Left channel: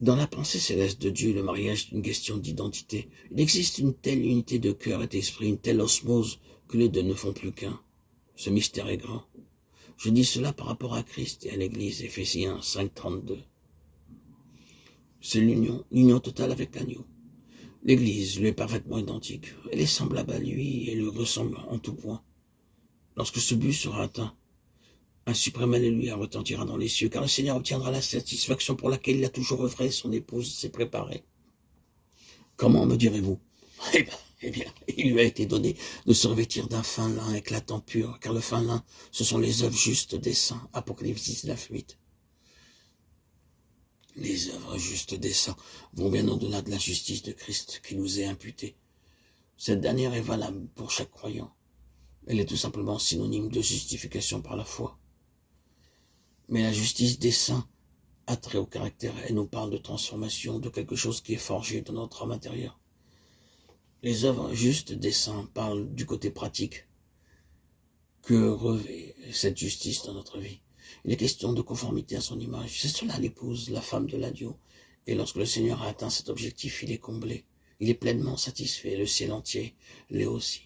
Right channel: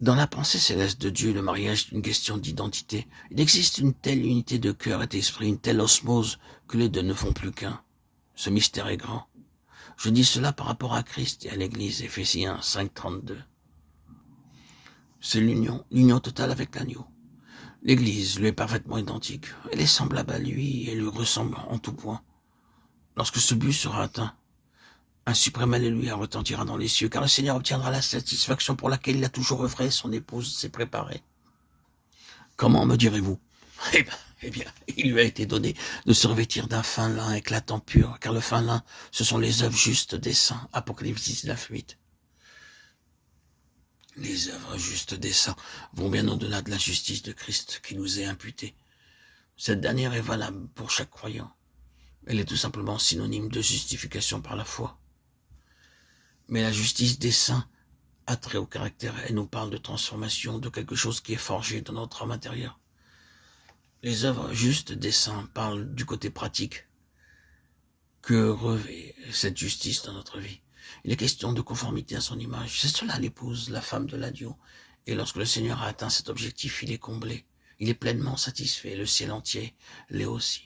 Dans la pensée céleste de Dieu, le mariage est une question d'identité. Il existe une telle unité de cœur et d'esprit, une telle osmose, que les deux ne font plus qu'un. Ce mystère est grand. Je dis cela par rapport à Christ et à l'Église, Éphésiens 5,32. C'est l'union totale avec l'agneau. L'Église lui est parfaitement identique. Elle est semblable à lui et lui ressemble en tout point. Lorsque ce but sera atteint, un suprême alléluia retentira dans les cieux, car le Seigneur obtiendra la satisfaction pour laquelle il a toujours œuvré, son épouse s'est préparée. Comment, me direz-vous? Eh bien, il lui a été donné de se revêtir d'un fin lin éclatant pur, car le fin lin, ce sont les œuvres justes des saints. Apocalypse 19:8. Les œuvres justes des saints vont bien au-delà de la justice de Christ qui nous est imputée. Cette dernière est valable pour chaque croyant. Elle est tout simplement synonyme de justification par la foi. Mais la justice des saints a trait au caractère. Elle nous parle de transformation, de quelque chose qui est forgé dans notre âme intérieure. Les œuvres justes des saints parlent du côté pratique que revêt cette justice dans notre vie. Il est question de conformité à son image. C'est cela l'épouse, la femme de l'agneau. Et lorsque le Seigneur a atteint cet objectif, il est comblé. Il est pleinement satisfait. Le ciel entier l'est aussi.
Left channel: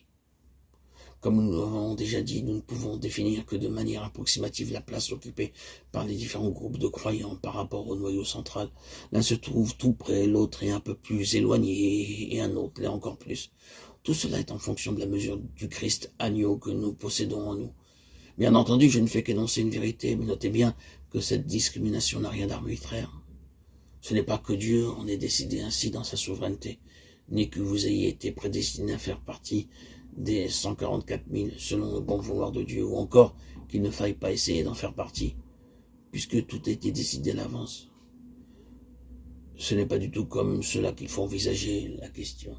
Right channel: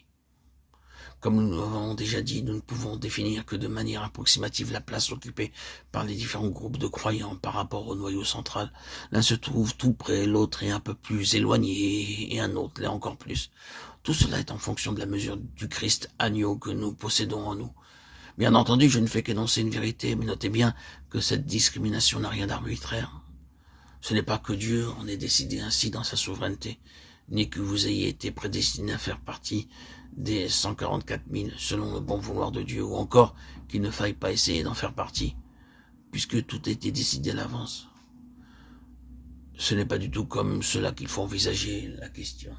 Comme nous l'avons déjà dit, nous ne pouvons définir que de manière approximative la place occupée par les différents groupes de croyants par rapport au noyau central. L'un se trouve tout près, l'autre est un peu plus éloigné, et un autre l'est encore plus. Tout cela est en fonction de la mesure du Christ agneau que nous possédons en nous. Bien entendu, je ne fais qu'énoncer une vérité, mais notez bien que cette discrimination n'a rien d'arbitraire. Ce n'est pas que Dieu en ait décidé ainsi dans sa souveraineté, ni que vous ayez été prédestiné à faire partie des 144 000 selon le bon vouloir de Dieu, ou encore qu'il ne faille pas essayer d'en faire partie, puisque tout a été décidé à l'avance. Ce n'est pas du tout comme cela qu'il faut envisager la question.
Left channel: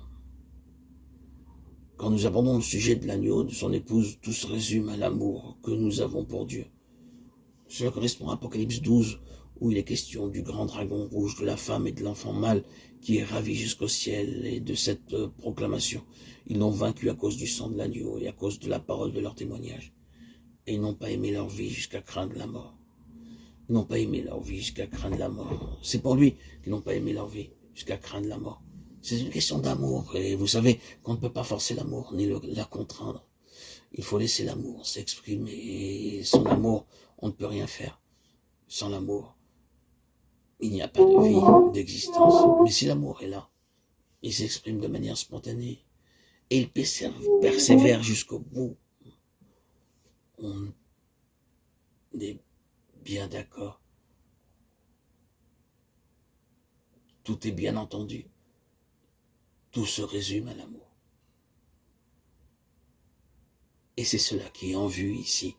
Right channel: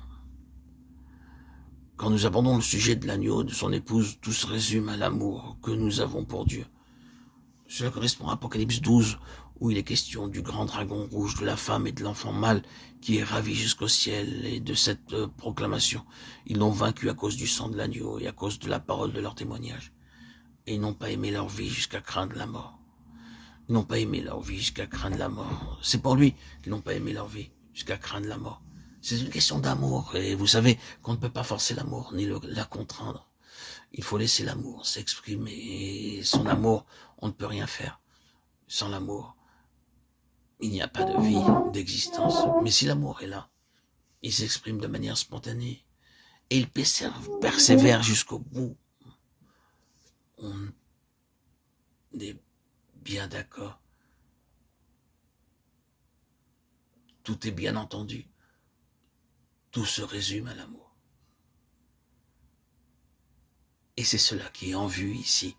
Quand nous abordons le sujet de l'agneau et de son épouse, tout se résume à l'amour que nous avons pour Dieu. Cela correspond à Apocalypse 12, où il est question du grand dragon rouge, de la femme et de l'enfant mâle qui est ravi jusqu'au ciel, et de cette proclamation. Ils l'ont vaincu à cause du sang de l'agneau et à cause de la parole de leur témoignage. Et ils n'ont pas aimé leur vie jusqu'à craindre la mort. Ils n'ont pas aimé leur vie jusqu'à craindre la mort. C'est pour lui qu'ils n'ont pas aimé leur vie jusqu'à craindre la mort. C'est une question d'amour, et vous savez qu'on ne peut pas forcer l'amour, ni la contraindre. Il faut laisser l'amour s'exprimer, et sans l'amour, on ne peut rien faire. Sans l'amour, il n'y a pas de vie, d'existence. Mais si l'amour est là, il s'exprime de manière spontanée, et il persévère jusqu'au bout. On est bien d'accord. Tout est bien entendu. Tout se résume à l'amour. Et c'est cela qui est en vue ici,